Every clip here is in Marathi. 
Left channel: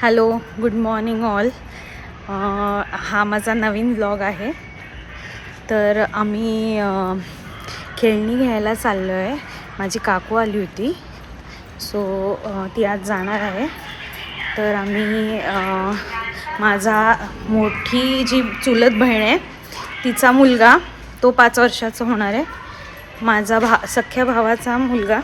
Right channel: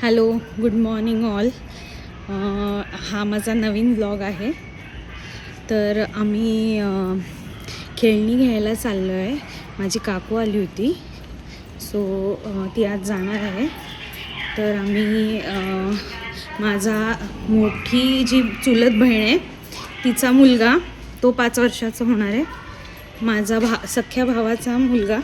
Hello, good morning all. हा माझा नवीन व्लॉग आहे. तर आम्ही खेळणी घ्यायला चाललो आहे. माझी काकू आली होती, सो ती आज जाणार आहे. तर आम्ही माझा मोठी जी चुलत बहीण आहे तिचा मुलगा, तो 5 वर्षाचा होणार आहे. माझा सख्या भावाचा मुलगा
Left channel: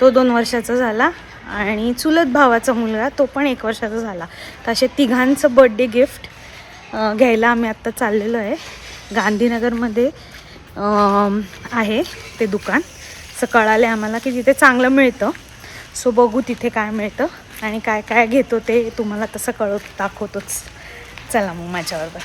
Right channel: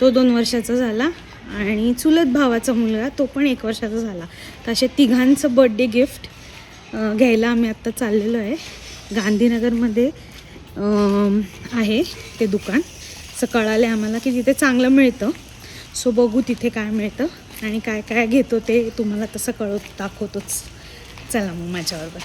तो 2 वर्षाचा झाला आणि चुलत भावाचा मुलगा तो पण 1 वर्षाचा झाला. तर असे तिघांचं बर्थडे गिफ्ट घ्यायला आम्ही आत्ता चाललेलो आहे. गांधीनगरमध्ये आहे ते दुकान. असं कळाले आम्हाला की तिथे चांगलं मिळतं. सो बघू तिथे काय मिळतं आणि काय काय घेतो ते तुम्हाला तसं दाखवतोच. चला मग माझ्याबरोबर.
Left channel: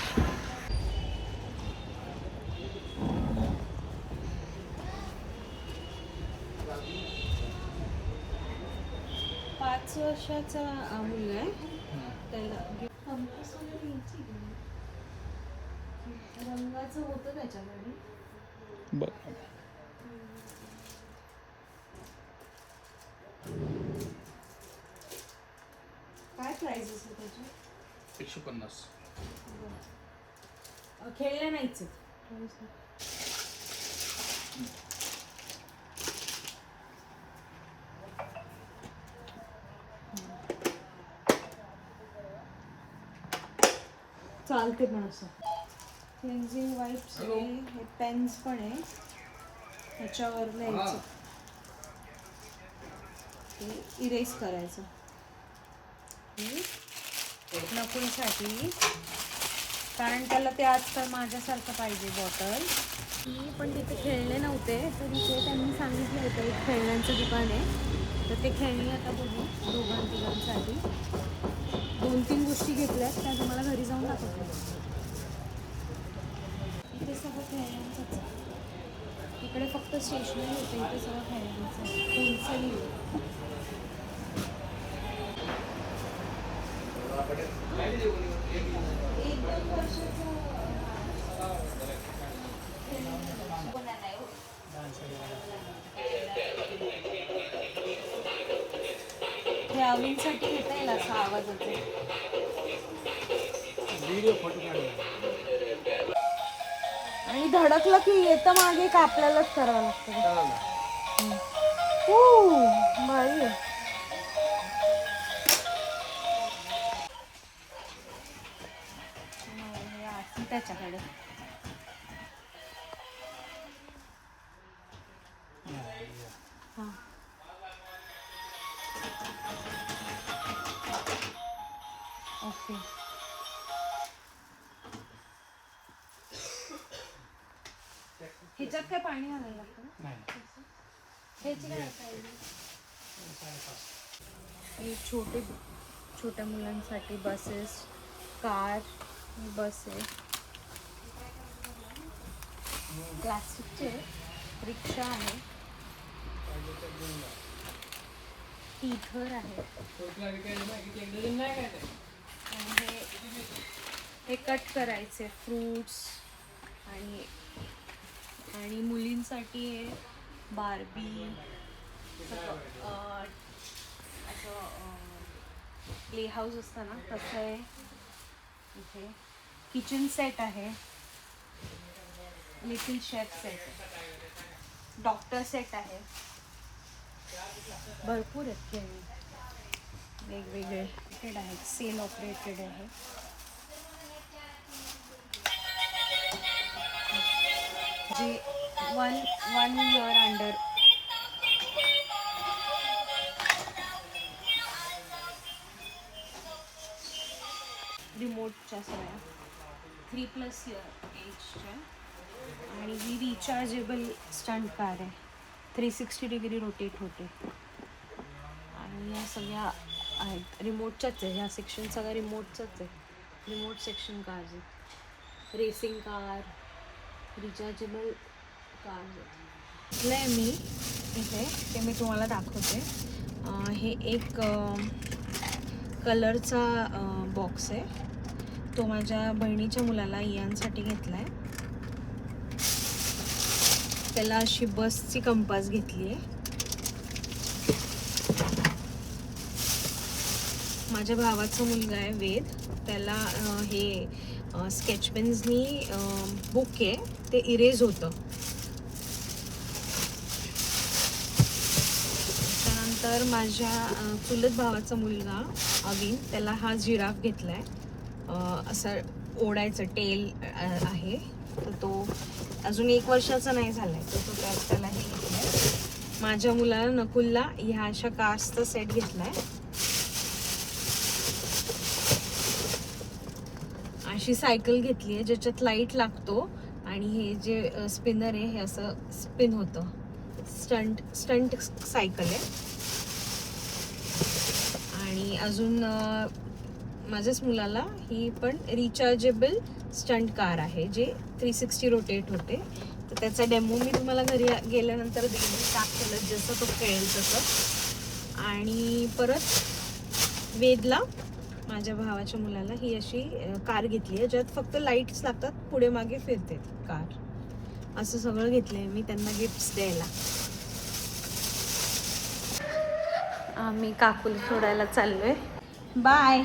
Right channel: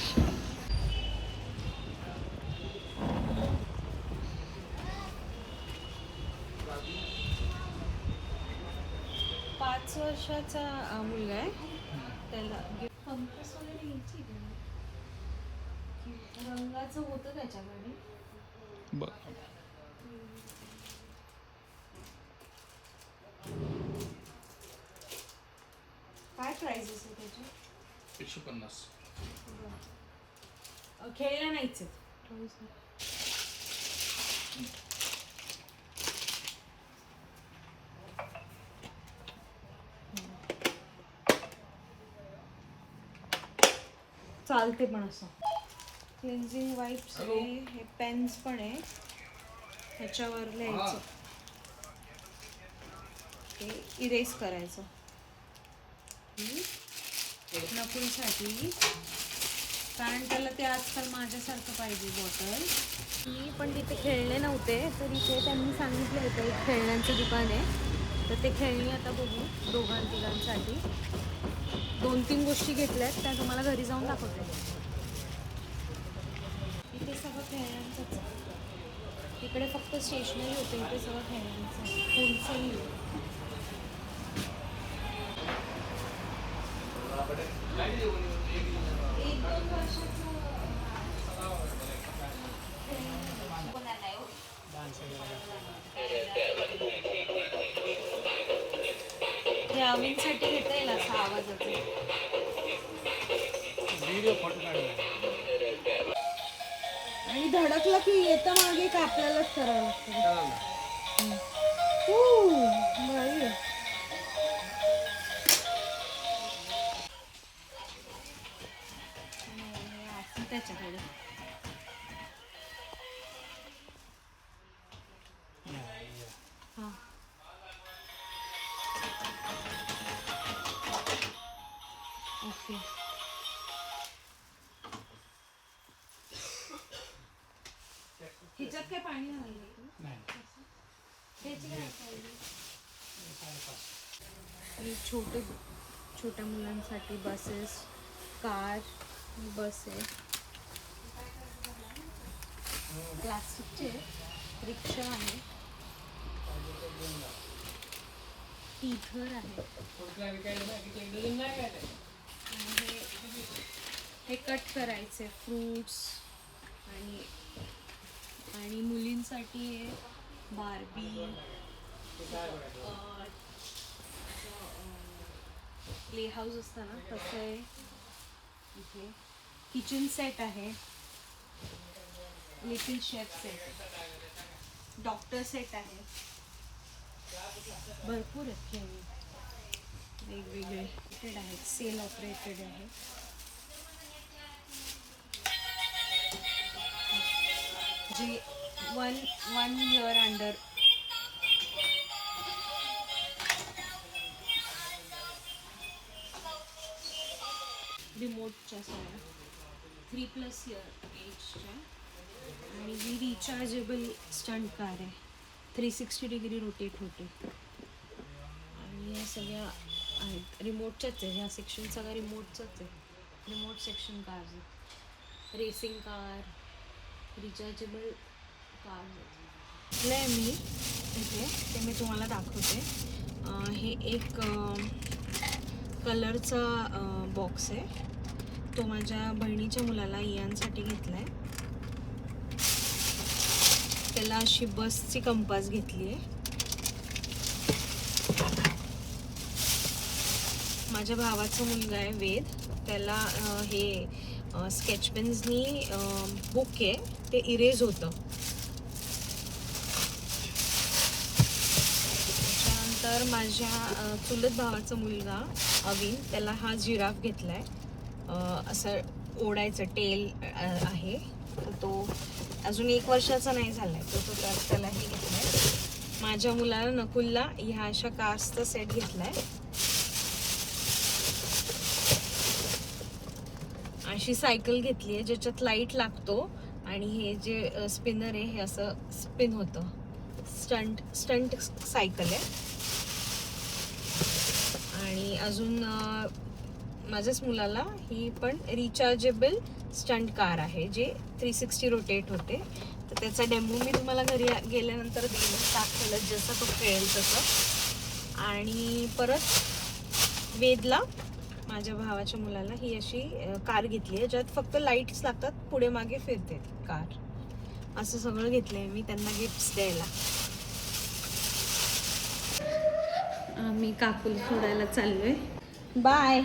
5 वर्षाचा मुलगा आहे. त्याला कंपास वगैरे घ्यायची रंगाचं होतं त्याच्याकडे. काय प्राइसेस आहे त्याच्या? 150. खेळल्या नाहीच. चालते पण असं. क्लिन्झिंग वाईप्स आहे, हे पेन्स पण आहे. ह्याच्यावर लिहायचं, हे इरेज करायचं. नकुलसाठी, कारण त्याला ते आजकाल माझ्यासारखं पाहिजे बॉटल. मी पण तिथे खेळले नव्हते, तर इथे त्यांनी सांगितलं होतं एक खेळण्यांचं दुकान आहे. तर ते खेळणी आता बघू दोघांसाठी 2-3 गोष्टी घेतल्यात, त्या तुम्हाला घरी जाऊन दाखवते. इथे सगळं खेळण्यांचंच आहे. इकडे फक्त स्टेशनरी होते, इथे सगळं खेळण्यांचं आहे. होलसेल हे अविनसाठी घेता येईल असं आवाजाचं. व्हिडिओ फोटो काढला आणि धडकलं की येतं मागे का आपल्यालाच करावं लागतं. भारी आहे. त्याच्याकडे हां ओके. ह्याच्यात काय पाणी घालायला लागतं? हे छोट्या मुलांसाठी बसेस, कार, बस आहे. प्लास्टिकचे रिक्षा आहे, टीथर आहे. आणि हे कट करायचे फ्रूट्स आणि मुलींसाठी बार्बी, प्ले हाऊस असतं ना तसं आहे. इथे किचन सेट आहे, little chef set, doctor set आहे. भरपूर आहेत खेळणी वेगवेगळे. आहेत, सेल ऑपरेटेड आहे. जे 1 year अंडर. रिमोटच्या सगळ्या 3+ year एजच्या. आणि ही रिचार्जेबल स्टंट कार आहे, 360 डिग्री रोटेट होते. आणि या सगळ्या आहेत रिमोटच्याच आहे. ह्या सेक्शन सगळ्या रिमोटचाच आहे. रिमोट सेक्शन कार्स आहेत. रेसिंग कार, रिचार्जेबल कार आहे. मी इथे ते मी तुम्हाला दाखवते. हे एक कलरचा बॉक्स आहे. तो माझ्या बहिणीच्या मुलाला इयांसाठी घेतला आहे. त्याला अशी बसची कंपास घेतली आहे. माझ्या भावाचा मुलगा आहे वेद, त्याला हे स्केच पेन्सनी बुक आहे ते इरेज होतं. त्याच्यानंतर माझ्या चुलत भावाचा मुलगा अविन, त्याला हा जिराफ घेतलाय. असं ओढायचं टेल आहे, तर तो अजून 1 वर्षाचा नाही झालाय, तर तो त्याला हे घेतलाय. माझ्या मुलाला नकुलला ह्या अशा कार्सचा सेट घेतलाय. अशी सायकल घेतली आहे ज्याच्यात लाईट लागतो आणि हे जे स्पिनर आहे हे असं स्पिन होतं. स्टंट सायकल आहे. आणि अजून माझ्याच मुलाला ही पण रिचार्जेबल स्टंट कार आहे जे 360 रोटेट होते. तर त्याचा डेमो मी तुम्हाला घरी गेल्यानंतर दाखवलं, जसं तो खेळेल तसं. आणि परत वेदला, माझ्या भावाच्या मुलाला, ही अशी कार घेतली आहे ज्यात फक्त लाईट्स लागतात, पुढे मागे फिरते कार. असं सगळं घेतलंय मी त्यांना गिफ्ट्स द्यायला. आम्ही काकूला सोडायला चाललोय. Bye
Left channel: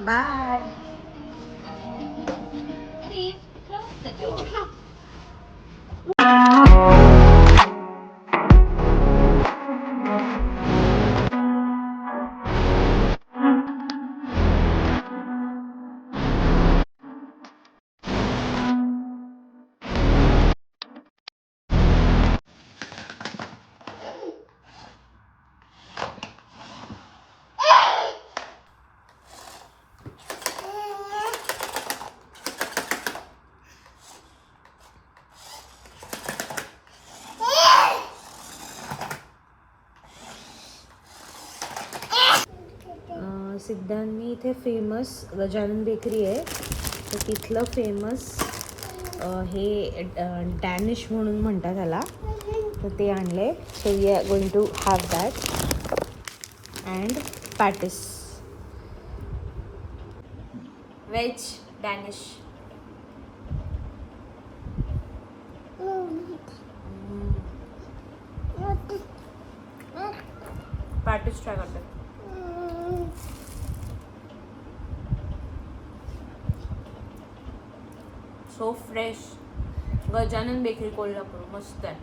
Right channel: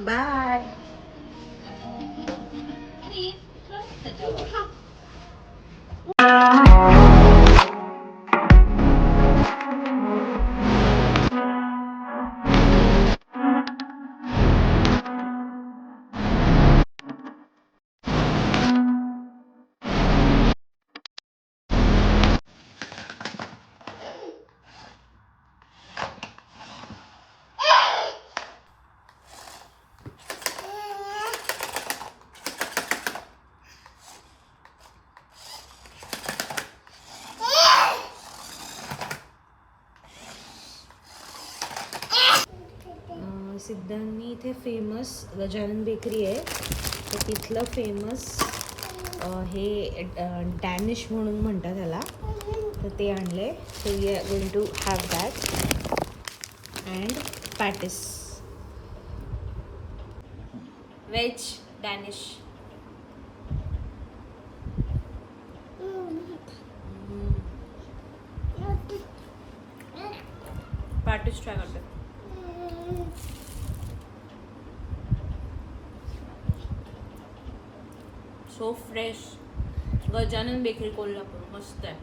bye. सिद्धांनी इथे फेमस गजानन बेकरी आहे, तर तिथलं फेमस हे डॅनिश म्हणून म्हणतात त्याला, तर ते आणले. So we are going to have that and patties, veg danish. Patties try करते. So fresh. Gajanan bakery Kolhapur, मस्त आहे.